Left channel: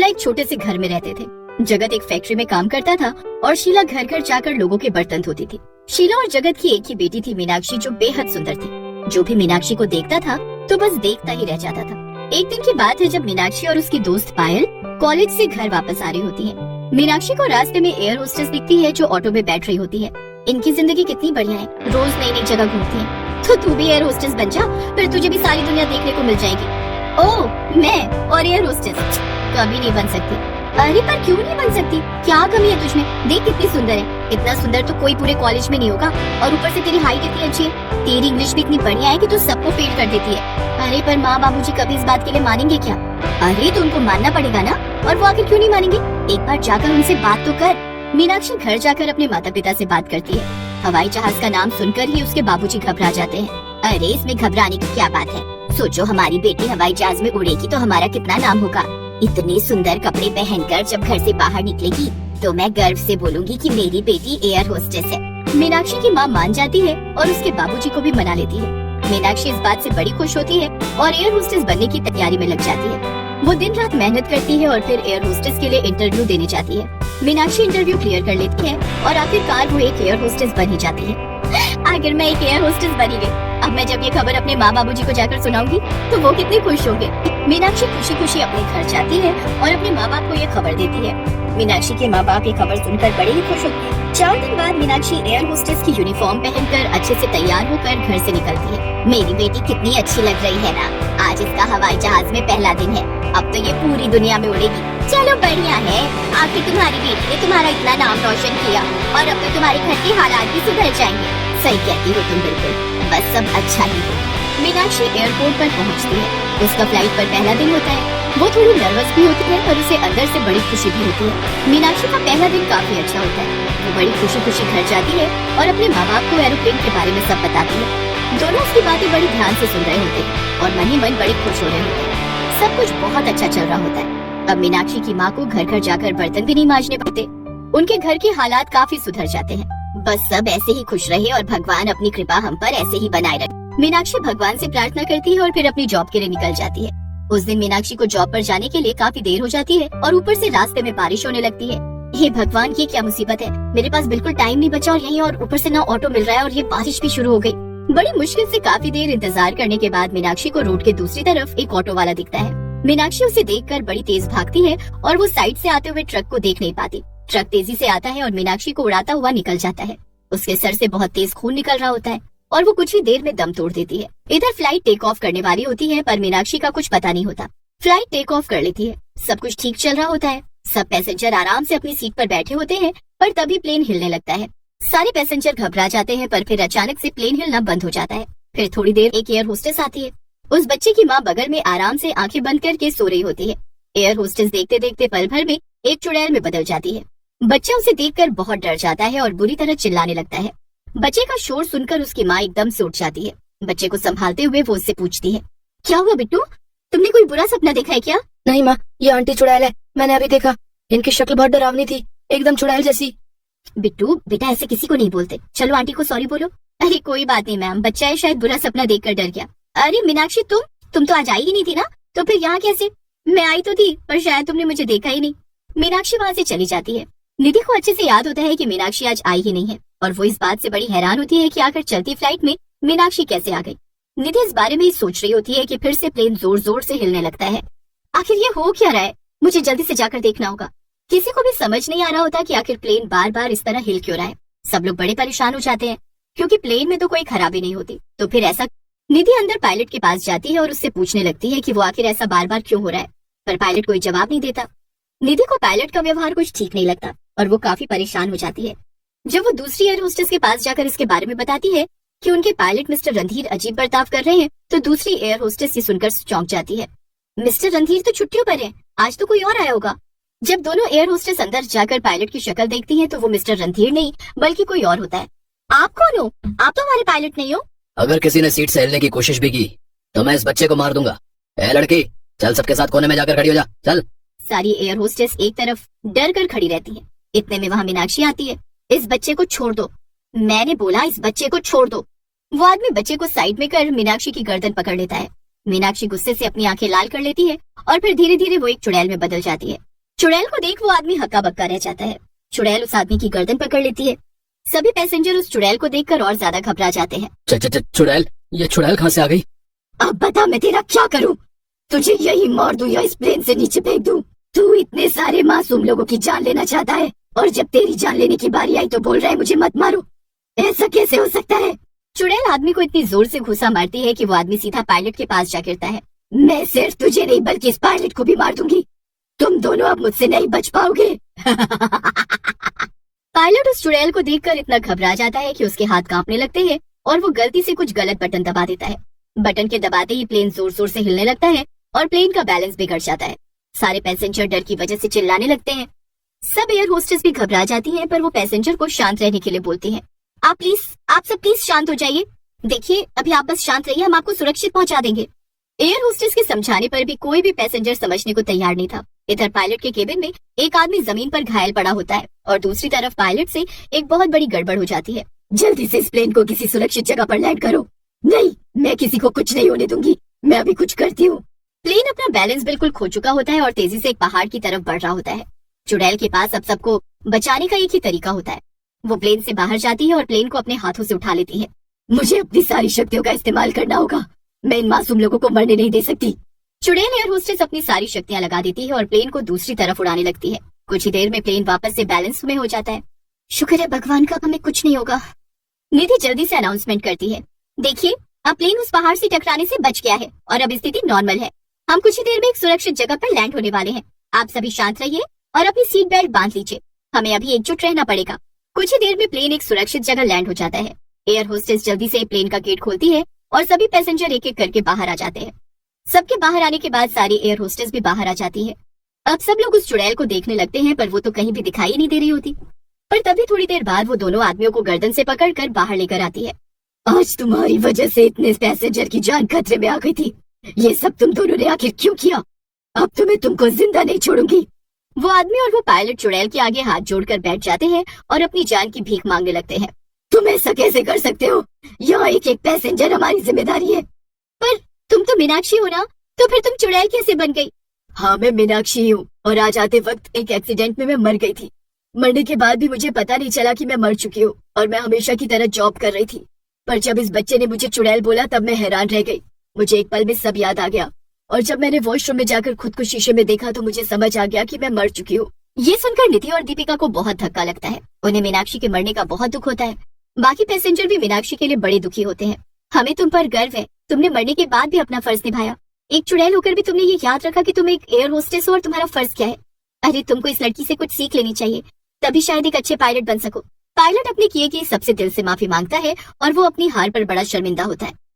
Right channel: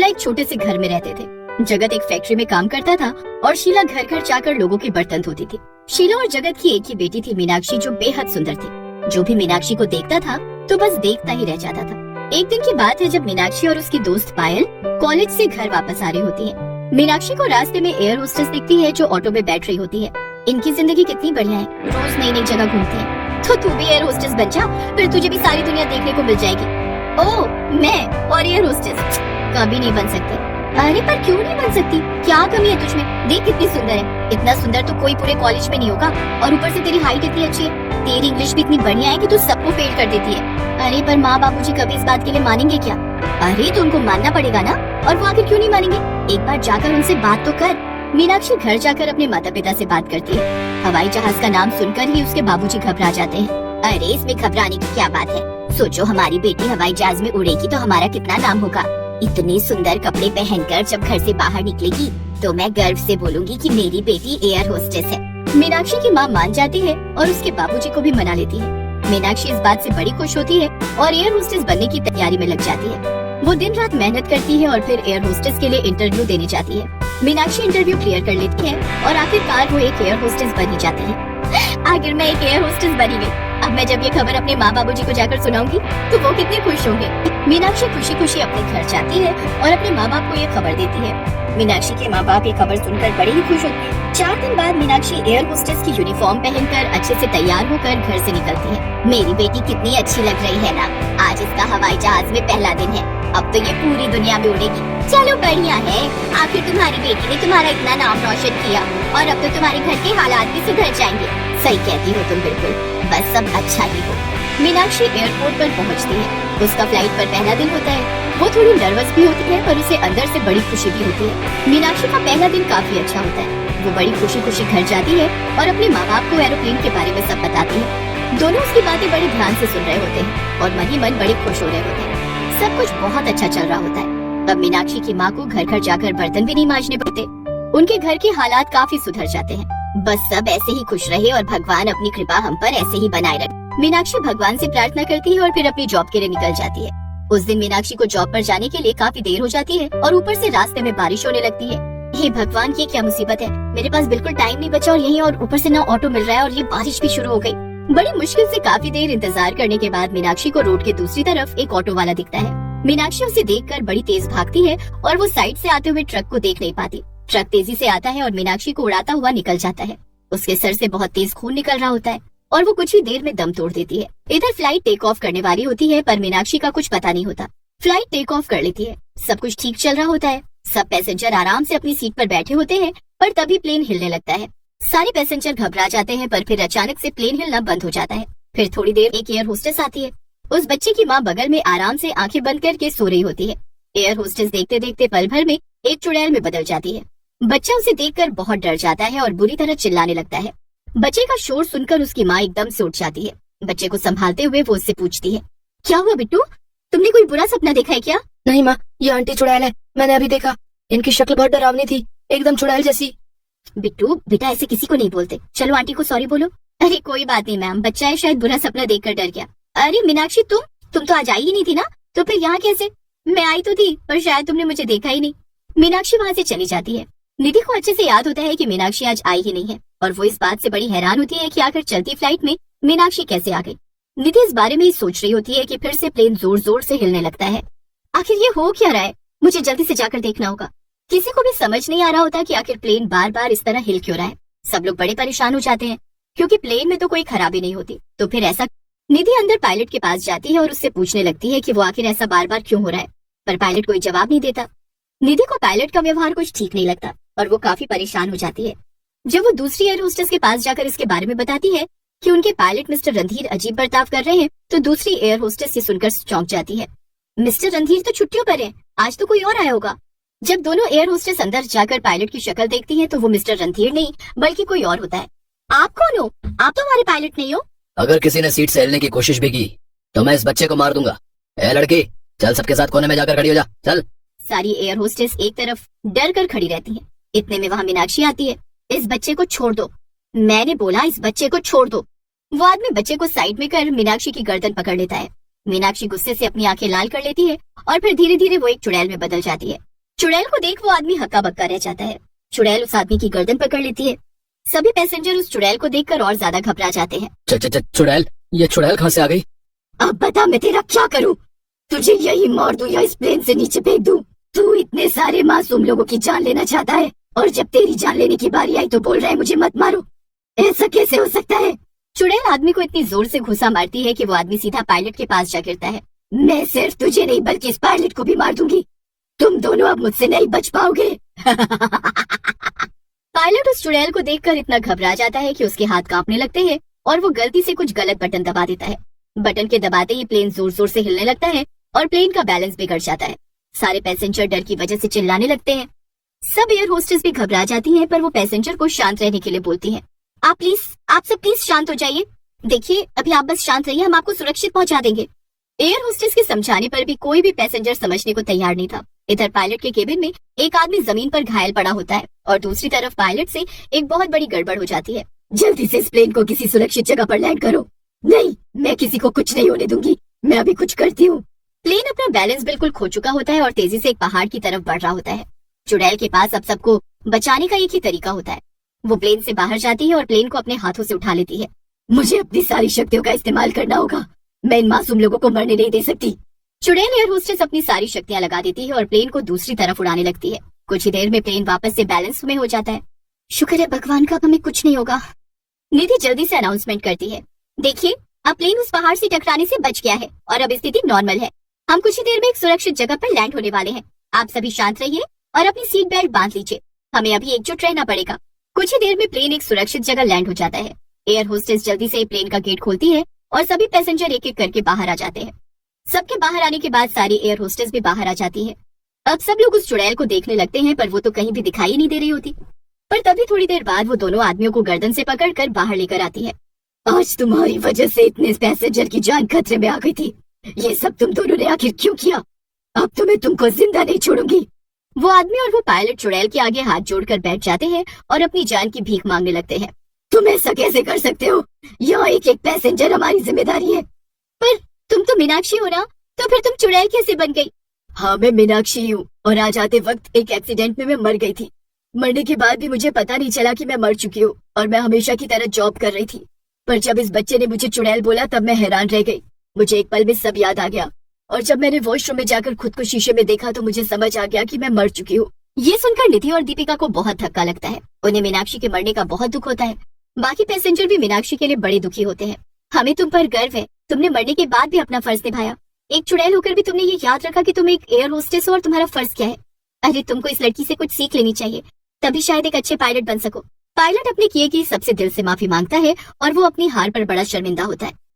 शीला एक छोटे से घर में रहते थे। जगत एक फैक्ट्री में काम करता था और शीला घर घर जाकर लोगों के बर्तन धोती थी। शीला और जगत की एक ही बेटी थी मीनाक्षी, जो बेहद सुंदर थी। जो भी मीनाक्षी को देखता था तो बस देखता ही रह जाता था। एक दिन की बात है जब मीनाक्षी और उसकी दोस्त पायल कॉलेज से घर वापस आ रही होती है। मीनाक्षी को रास्ते में एयर होस्टेस दिखती है जो ऑटो पे बैठ रही होती है। इनकी जिंदगी कितनी बढ़िया है, रोज नई नई जगह घूमती है। तो तू भी एयर होस्टेस बन जा, फिर तुझे भी सारी दुनिया देखने को मिल जाएगी। ओह, मैं और एयर होस्टेस कभी नहीं बन सकती। अरे पर क्यों नहीं बन सकती? क्या कमी है तुझमें? देख कितनी सुंदर है। इतना सुंदर तो कोई पूरे कॉलेज में नहीं होगा, और ऊपर से तेरी हाइट इतनी अच्छी है। तेरी इंग्लिश भी इतनी बढ़िया है कि तू सबको फेल कर देती है। अरे पर माँ बाबूजी कभी इस बात के लिए मानेंगे क्या? अरे तो उनको मानना पड़ेगा ना, और वो आखिर क्यों नहीं मानेंगे? एक बार जाकर उनसे बात तो कर। मीनाक्षी घर जाकर अपने माता पिता से बात करती है। हवाई जहाज का नाम सुनकर ही उसके बाबूजी घबरा जाते हैं। अरे इसमें घबराने की क्या बात है? सोचो हमारी बेटी हवाई जहाज में उड़ेगी तो हमारा कितना नाम होगा। इतने सुंदर कपड़े पहनकर जब घर से बाहर निकलेगी तो मैं गर्व से बोलूंगी कि मेरी बेटी एयर होस्टेस है। मीनाक्षी की माँ मान जाती है और उसके बाबूजी को भी मना लेती है। मीनाक्षी इस बात से बड़ी खुश होती है और एयर होस्टेस बनने की तैयारी में लग जाती है। वो दिन रात मेहनत करती है और फिर एयर होस्टेस के लिए इंटरव्यू देने जाती है। मीनाक्षी इंटरव्यू क्लियर कर लेती है और आखिरकार वो एक एयर होस्टेस बन ही जाती है। आखिर मैं एक एयर होस्टेस बनी हुई। अब मैं जब ये खबर अपने माँ बाबूजी को जाकर सुनाऊंगी तो वो कितने खुश होंगे। मीनाक्षी खुशी खुशी अपने घर जाती है और अपने माँ बाप को ये खबर देती है। मीनाक्षी के माँ बाप ये खबर सुनकर बड़े ही खुश होते हैं। 4 दिन बाद मीनाक्षी एयर होस्टेस की यूनिफॉर्म पहनकर अच्छे से तैयार होकर घर से निकलती है। मेरी बेटी कितनी अच्छी लग रही है ना, आज इसका हवाई जहाज में पहला दिन है। अब तो ये पूरी दुनिया में उड़ेगी। चलो बढ़िया है, आखिर तुम्हारी बेटी ने तुम्हारा इतना नाम रोशन किया और अब तो तुम्हारे घर के हालात भी सुधर जाएंगे। सही कहती हो तुम बिल्कुल, बस सब अच्छा ही हो। मीनाक्षी एयरपोर्ट पर पहुंचती है। उसका फ्लाइट पर पहला दिन होता है। वो थोड़ी नर्वस भी होती है पर उसे अंदर से बड़ी खुशी भी होती है। मीनाक्षी का पहला दिन काफी अच्छा होता है। वो बड़ी खुशी खुशी घर जाती है और अपने माँ बाप को एरोप्लेन के बारे में सब बताती है। दोनों उसकी बातें बड़े ध्यान से सुन रहे होते हैं और मन ही मन बड़े खुश हो रहे होते हैं। सब कुछ बहुत अच्छा चल रहा होता है। अब मीनाक्षी की माँ को घर घर जाकर बर्तन भी नहीं मांजने पड़ते। उनके घर के हालात काफी सुधर जाते हैं। बस सब ऐसे ही खुश रहे और भगवान अपनी कृपा हम पर ऐसे ही बनाए रखे। मीनाक्षी भगवान से प्रार्थना करती है और फिर अपनी जॉब के लिए निकल जाती है। उस दिन मीनाक्षी को जॉब पर जाने के लिए काफी देर हो जाती है और ऊपर से रास्ते में बारिश होने लगती है। हे भगवान, ये क्या मुसीबत है? मेरे पास बिल्कुल टाइम नहीं बचा और यहीं और ऊपर से ना ऑटो मिल रहा है और ये बारिश भी शुरू हो गई। बड़ी मुश्किल से काफी देर इंतजार करने के बाद मीनाक्षी को रोड के दूसरी तरफ एक ऑटो वाला दिखता है। मीनाक्षी उसे देखकर बड़ी तेज भागती है और वो साइड से आते हुए ट्रक को देख नहीं पाती। ट्रक तेजी से आता है और मीनाक्षी को उड़ाता हुआ निकल जाता है। उसके सर से बहुत तेज खून निकल रहा होता है और वो कुछ ही देर में दम तोड़ देती है। इधर फ्लाइट टेक ऑफ करने वाली होती है पर मीनाक्षी का कुछ पता नहीं होता। फ्लाइट टेक ऑफ कर लेती है। सब कुछ ठीक चल रहा होता है। सब पैसेंजर आराम से अपनी सीट पर बैठे होते हैं पर तभी प्लेन हिलने लगता है। सारे पैसेंजर घबरा जाते हैं पर फिर अचानक से प्लेन हिलना बंद हो जाता है। फिर थोड़ी देर एक एयर होस्टेस आती है। उस बच्चे की माँ बगल में आराम से आंखें बंद करके सो रही होती है। एयर होस्टेस देखते देखते पल भर में एक चुड़ैल में बदल जाती है। बच्चा उसे देखकर बहुत डर जाता है और बुरी तरह चिल्लाने लगता है। बच्चे का शोर सुनकर उसकी माँ एकदम से उठ जाती है। बच्चे को संभालते हुए वो उससे पूछती है, क्या हुआ बिट्टू, तुमने कोई बुरा सपना देखा है क्या? नहीं माँ, ये आंटी चुड़ैल है, मैंने अभी देखा। इनकी शक्ल बहुत डरावनी थी, एकदम चुड़ैल जैसी। बिट्टू बेटा, ऐसे किसी को नहीं बोलते। चलो आंटी को सॉरी बोलो। अरे कोई बात नहीं मैम, बच्चा है, शायद बुरा सपना देखकर डर गया। अरे मीनाक्षी, तुम तो आज आई ही नहीं थी ना, तो फिर यहाँ कैसे? मैं आई तो थी पर शायद तुमने मुझे देखा ही नहीं। मीनाक्षी वहाँ से चली जाती है। निधि को अच्छे से याद होता है कि मीनाक्षी आज आई ही नहीं है और वो इस बात से बड़ी हैरान होती है कि आखिर चलती फ्लाइट में मीनाक्षी कैसे आ गई। निधि इस बारे में ही सोच रही होती है कि फिर से प्लेन जोर जोर से हिलने लगता है। आखिर ये हो क्या रहा है? मुझे जल्दी से जाकर देखना होगा। किसी को भी समझ नहीं आ रहा होता कि आखिर प्लेन बार बार इस तरह हिल क्यों रहा है। सब लोग बड़े परेशान हो जाते हैं क्योंकि प्लेन में तो कोई खराबी नहीं होती। तो फिर ऐसा, निधि अंदर पायलट के पास जाती है और उससे पूछने लगती है कि वो आखिर ऐसा बार बार क्यों हो रहा है, पर पायलट कोई जवाब नहीं देता। निधि को पायलट का व्यवहार कुछ ठीक नहीं लगता और वो काफी परेशान हो जाती है। जब वो दूसरी एयर होस्टेस के पास जाकर इसके बारे में बताती है कि उनके पायलट मिस्टर रणधीर अजीब बर्ताव कर रहे हैं, तो दूसरी एयर होस्टेस ये सुनकर चौंक जाती है। मिस्टर रणधीर तो छुट्टियों पर है, आज तो कोई और आया होगा। जब दोनों एयर होस्टेस अंदर जाकर पायलट की शक्ल देखती हैं, तो वो मिस्टर रणधीर नहीं बल्कि कोई और होता है। आप कौन हो? आप तो हमारे पायलट नहीं हो। अगर किसी ने सीट से हिलने की कोशिश भी की तो मैं इस बच्चे को मार दूंगा। ए लड़की, चल सबके साथ कोने में जाकर खड़ी हो जा, चल। सारी एयर होस्टेस एक तरफ डर कर खड़ी रहती है। इतने में वहाँ मीनाक्षी आती है। इस बच्चे को छोड़ दो, मैंने बोला इस बच्चे को छोड़ दो। वो आदमी बच्चे को साइड में कर मीनाक्षी की गर्दन पकड़ लेता है। मीनाक्षी गुस्से से अपनी आंखें लाल कर लेती है और फिर धीरे धीरे वो एक चुड़ैल में बदल जाती है। चुड़ैल को देख वो आदमी हक्का बक्का रह जाता है। चुड़ैल उस आदमी की गर्दन पकड़ लेती है। सभी पैसेंजर उस चुड़ैल को देखकर और ज्यादा घबरा जाते हैं। चुड़ैल, ये चुड़ैल कहाँ से आ गई? अब बता मैं तेरा क्या करूं? तुझे यही मार दूं या इस प्लेन से नीचे फेंक दूं? तू इतने सारे मासूम लोगों की जान लेना चाहता है और जब तेरी जान लेने की बारी आई तो बोल रहा है मुझे मत मारो। ऐसा कैसे हो सकता है? चुड़ैल आदमी को इतनी जोर से घुसा मारती है कि वो आदमी सीधा पायलट के पास जा गिरता है। मैं सिर्फ तुझे नहीं बल्कि इस पायलट को भी मार दूंगी। तुम दोनों अब मुझसे नहीं बच पाओगे। पायलट उस चुड़ैल को देखकर इतना घबरा जाता है कि उसके हाथ कांपने लगते हैं और वो गलती से कुछ गलत बटन दबा देता है। बटन के दबाते ही प्लेन जोर जोर से हिलने लगता है और प्लेन का बैलेंस बिगड़ जाता है। सारे पैसेंजर डर की वजह से चिल्लाने लगते हैं। सब एयर होस्टेस भी घबरा जाती हैं, पर वो पैसेंजर को शांत रहने के लिए बोलती हैं। आप सब प्लीज शांत हो जाइए। देखिए अभी आप बस शांत रहिए, हम आपको सुरक्षित पहुंचा देंगे। एयर होस्टेस के समझाने पर भी कोई भी पैसेंजर समझने को तैयार नहीं था। इधर पायलट के केबिन में एक आदमी जमीन पर घायल पड़ा होता है और दूसरी तरफ पायलट से एक बहुत बड़ी गड़बड़ हो जाती है। जल्दी से इस प्लेन को किसी सुरक्षित जगह पर लैंड करो। नहीं, मैं किसी को कुछ नहीं होने दूंगी। मैं अभी कुछ करती हूँ। प्लेन अपना बैलेंस बिल्कुल खो चुका होता है और तेजी से एक पहाड़ की तरफ बढ़ रहा होता है। चुड़ैल के पास अब सबको बचाने का एक ही तरीका होता है। वो प्लेन से बाहर जाती है और प्लेन को अपने हाथों से उठा लेती है। मुझे अपनी सारी शक्तियों का इस्तेमाल करना होगा। मैं इन मासूम लोगों को मरने नहीं दे सकती। चुड़ैल एयर होस्टेस अपनी सारी शक्तियां लगा देती है और प्लेन को दूसरी तरफ उड़ाने लगती है। कुछ ही देर में प्लेन वापस से बैलेंस में हो जाता है। शुक्र है भगवान का, अब हमें कुछ नहीं होगा। निधि जल्दी से अनाउंसमेंट करती है। देखिए अब प्लेन उस पहाड़ से टकराने से बच गया है और अब स्थिति नॉर्मल है। हम कुछ ही देर में एक सुरक्षित जगह पर लैंड होने वाले हैं। आप सभी शांत रहिए और अपनी सीट बेल्ट बांध लीजिए। हमें अभी एकजुट रहना पड़ेगा। कुछ ही देर में प्लेन एक सुरक्षित जगह लैंड हो जाता है। एयर होस्टेस जल्दी से प्लेन का गेट खोलती है और सभी पैसेंजर एक एक करके बाहर आ जाते हैं। सबके बाहर आने के बाद सारी एयर होस्टेस भी बाहर आ जाती है। अब सब लोग उस चुड़ैल को देखने लगते हैं, पर वो तो कहीं भी दिखाई नहीं दे रही होती। पर तभी थोड़ी देर बाद वो दोनों आदमियों को गर्दन से पकड़कर बाहर लेकर आती है। आज तुम्हारी वजह से इतने पैसेंजर की जान खतरे में आ गई थी। ये सब तुम दोनों ने आखिर क्यों किया? अब तो मैं तुमको जिंदा नहीं छोड़ूंगी। वो आदमी और वो पायलट चुड़ैल के आगे हाथ जोड़कर बैठ जाते हैं और अपनी जान की भीख मांगने लगते हैं। तुम ऐसा कैसे कर सकते हो? यहाँ एक एक पैसेंजर हमारी जिम्मेदारी है। पर तुम तो मीनाक्षी हो ना, तो फिर तुम चुड़ैल कैसे बन गई? हाँ मैं मीनाक्षी हूँ और आज आते वक्त एक एक्सीडेंट में मैं मर गई थी। मरने के बाद भी मुझे पता नहीं चला कि मैं मर चुकी हूँ और मैं हमेशा की तरह जॉब कर रही थी। पर जब इस बच्चे ने मुझे चुड़ैल बोला तब मैं हैरान रह गई। मुझे एक पल में सब याद आ गया और जब मैंने वॉशरूम में जाकर खुद को शीशे में देखा तो मुझे समझ आ गया कि मैं मर चुकी हूँ। ये सुनकर निधि और दीपिका को बहुत धक्का लगता है। उन्हें मीनाक्षी के मरने का बहुत दुख होता है। बाकी पैसेंजर भी मीनाक्षी के लिए बड़े दुखी होते हैं। हमें तुम पर गर्व है, तुमने मरने के बाद भी अपना फर्ज निभाया। एक चुड़ैल होकर भी तुमने ये याद रखा कि तुम एक एयर होस्टेस हो और तुम्हारा फर्ज क्या है। अरे तुमको इस लड़की से कुछ सीख लेनी चाहिए, तभी शायद एक अच्छे पायलट बन सको। पायलट अपने किए की सबसे दिल से माफी मांगता है और वो अपनी हार पर बड़ा शर्मिंदा होता है।